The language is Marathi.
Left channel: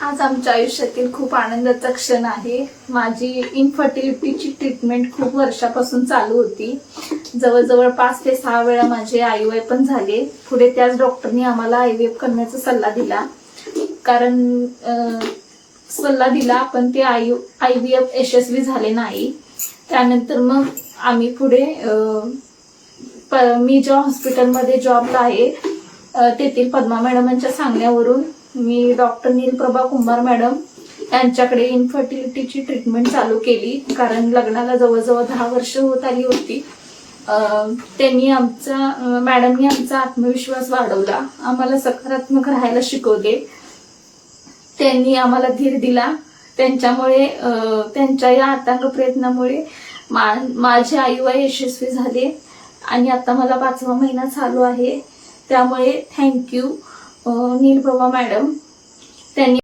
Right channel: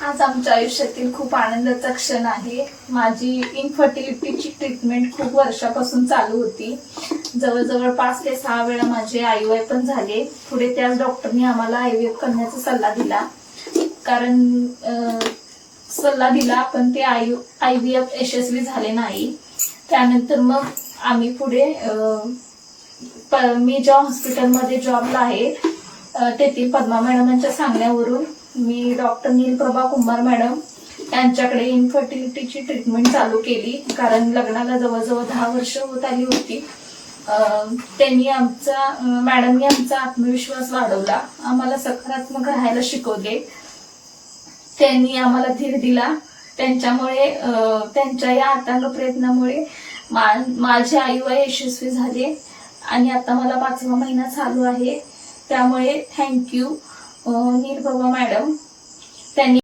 आज आमच्या आयुष्यातील खूप आनंदाचा क्षण आहे। माझी इनफर्टिलिटीची ट्रीटमेंट खूप वर्षापासून चालू होती। जवळजवळ 5 ते 6 वेळा माझे IVF पण झाले। पुढे त्याच डॉक्टरनी आम्हाला IVF करण्याचा सल्ला दिला, कारण पण ते IVF यशस्वी झाले नाही। त्यानंतर मग आम्ही पुढे मी ज्या हॉस्पिटलमध्ये जॉबला आहे तेथील पद्मा मॅडमांच्या सांगण्यावरून मी डॉक्टर नीलप्रभा कुंभार मॅडम यांच्याकडे इनफर्टिलिटीची ट्रीटमेंट चालू केली, कारण लग्नाला जवळजवळ 10 वर्ष होत आली होती। मॅडमनी आमचा आत्मविश्वास वाढवला, आम्हाला सकारात्मक राहायला शिकवले, त्यांनी आम्हाला धीर दिला। त्यांच्या या अथांग प्रयत्नामुळे माझे IVF यशस्वी झाले आणि आता मला 5वा महिना चालू आहे। त्यामुळे थँक्यू नीलप्रभा मॅडम। त्यांनी